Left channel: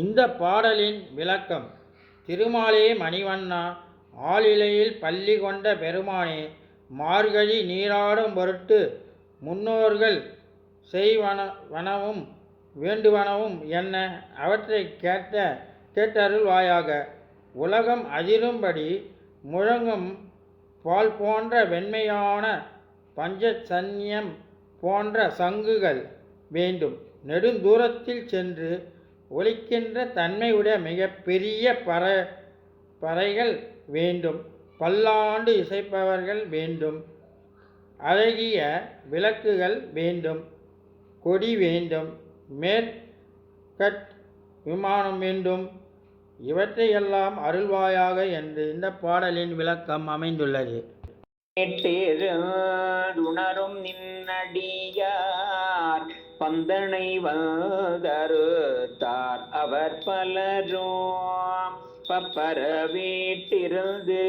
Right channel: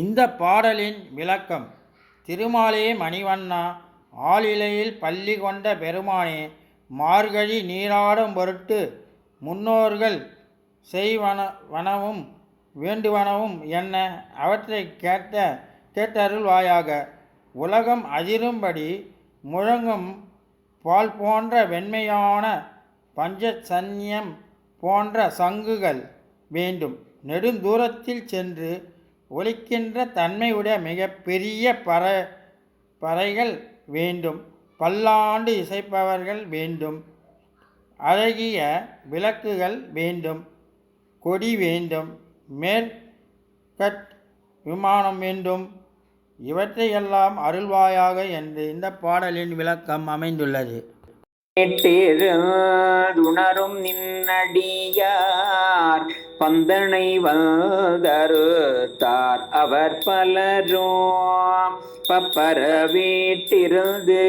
இந்த பாடலின் விளக்கம் திருமாலே மணிவண்ணா ஆளிலையில் பள்ளி கொண்ட பெருமானே மார்கழி நீராடும் பொருட்டு முன்னோர்கள் செய்வன வனவும் வேண்டுவனவும் என்ன? அவற்றை கேட்ட கேட்டருள்வாயாக. உலகம் அதிரும்படி முழங்கும் பால் போன்ற வெண்மையான பஞ்சசன்யம் போன்ற சங்குகள் வேண்டும். நெடுந்தூரத்தில் சென்று ஒலிக்கின்ற தன்மையுடைய மிகப்பெரிய பற பறைகள் வேண்டும். பல்லாண்டு இசைப்பவர்கள் வேண்டும். அழகிய விளக்குகள் வேண்டும். கொடி வேண்டும். மேற்கட் விமானம் வேண்டும். இவற்றையெல்லாம் அருள்வாயாக என்று இந்த பாடலின் விளக்கம் அமைந்துள்ளது. உணரும் நின்னடியா பந்தனை வந்தருத்தார் அவர் பலரும். பப்பர வீட்டிருந்து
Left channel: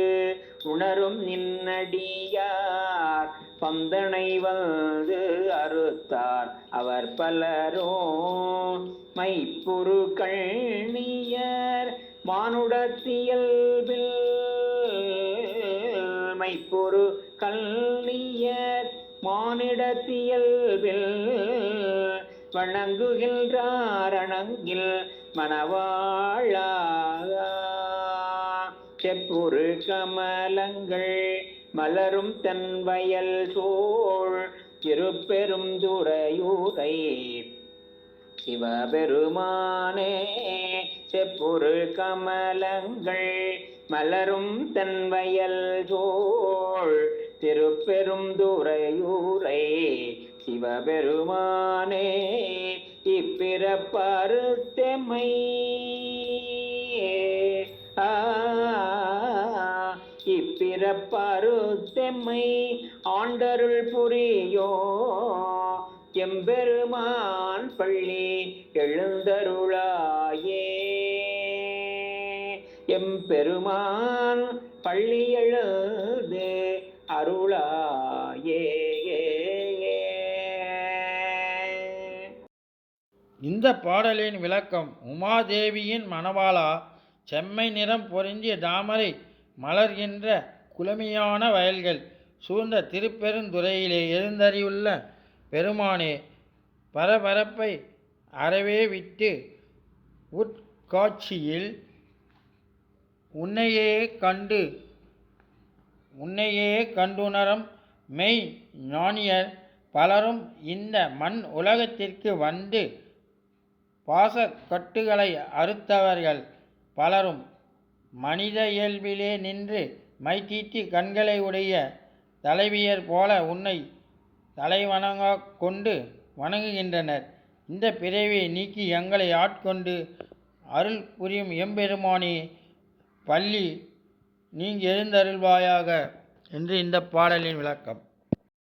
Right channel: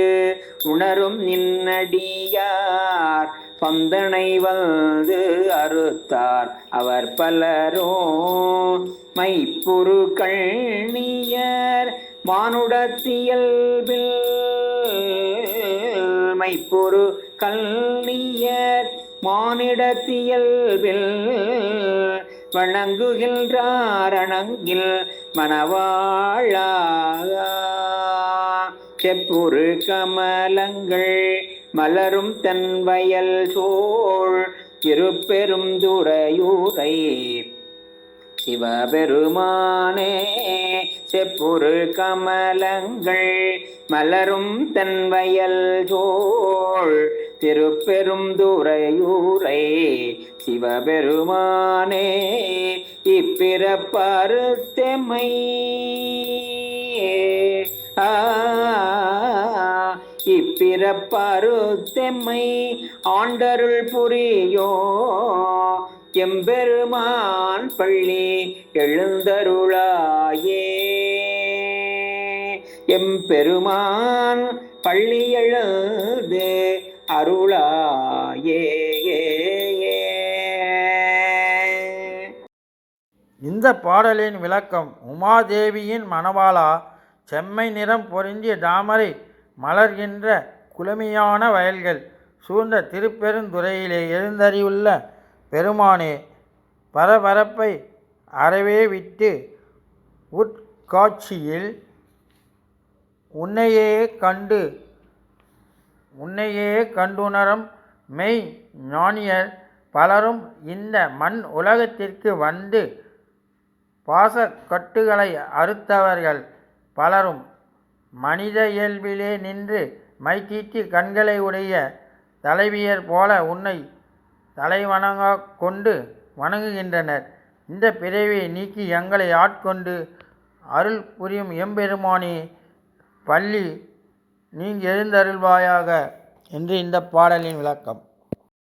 உணரும் நின்னடியார். பந்தனை வந்து அறுத்தார் அவர் பலரும். மைப்புரு கண்ணியர் மானுடத்தியல்பில் மைப்புரு கல்லியர் மானிடத்தியல்பில் வணங்குகின்றார் அணங்கில் மணவாழா செப்புரு கமலங்கள் மலரும் தன் வயல் சோழ் இருப்பெரும் துறையூரை. சிவபெருமானே செப்புரு கமலங்கள் மலரும் தன் வயல் சோழ் திருப்பெரும் துறையூரை சிவபெருமானே இப்பிறப்பருத்தெம்மை ஆ இப்பிறப்பருத்தெம்மை ஆண்டருள் புரியோ எம்பெருமான் பள்ளி எழுந்தருளாயே. எம்பெருமான் பள்ளி எழுது அருளாயே இந்த பாடலின் விளக்கம் உமாதேவியின் மணவாளா செம்மை நிறம் பொருந்திய தாமரை மலர்கின்ற குளுமையான வயல்கள் சூழ்ந்த திருப்பெருந்துறையிலே எழுந்தறியுள்ள பெருமானே பரபரப்பை அறவே விட்டு உட்காட்சியில் உன்னையே கண்டு உன்னையே கண்டுணரும் மெய் ஞானியர் பலரும் இந்த மண் உலகத்திற்கு வந்து பாசக்கட்டுகளை அறுத்தவர்கள் பலரும் மனித இயல்பிலே நின்று மைத்தீட்டி கண்களை உடைய தலைவியர் போல உன்னை தலைவணங்க கொண்டு வணங்குகின்றனர். இந்த பிறவியை நீக்கி எங்களை ஆட்கொண்டு அருள் புரியும் எம்பெருமானே பள்ளி நீங்க எழுந்தருள்வாயாக என்று இந்த பாடலின் விளக்கம்.